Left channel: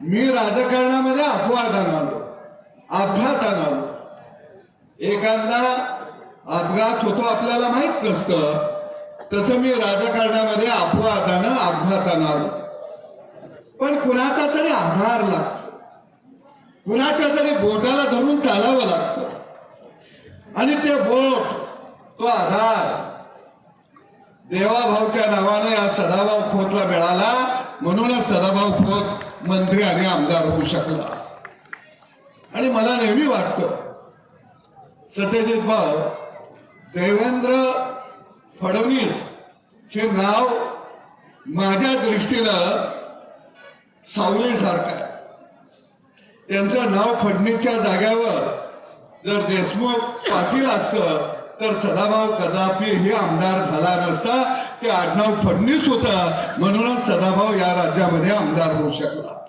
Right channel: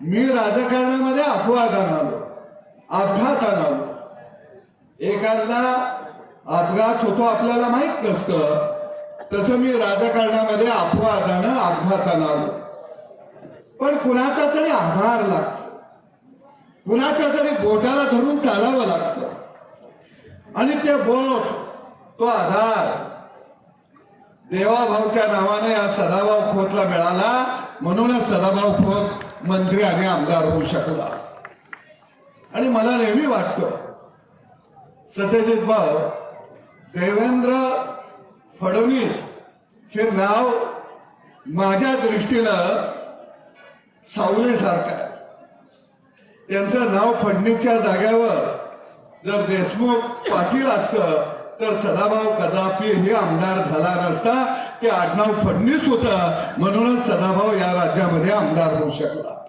मी राजकारणामध्ये अपवादान आलो एखादा अपघात होतो आपल्याला माहीत नसतं तसं मी राजकारणामध्ये अपवादानं अपघातानं आलो पण कुणाचा तरी आधार लागतो. कुणाच्या तरी बोटाला धरून चालावं लागतं. आणि ते बोट तो आधार देवाभाऊच्या नावाने या सदाभाऊ खोतला मिळाला म्हणूनच सदाभाऊ खोत मंत्री आणि आमदार होऊ शकला. आणि मला नेहमी वाटत सत्यजित भाऊ देवेंद्र फडणवीस हे नाव माझ्या दृष्टीनं सावलीसारखं आहे. त्यांचं नाव फडणीसच्या जाग्यावर जर देशमुख पाटील असतं तर सदाभाऊ कदापि हे आमदार झाला नसता. ते आडनाव फडणीस होतं. म्हणूनच सदाभाऊ या राज्यामध्ये आमदार होऊ शकला.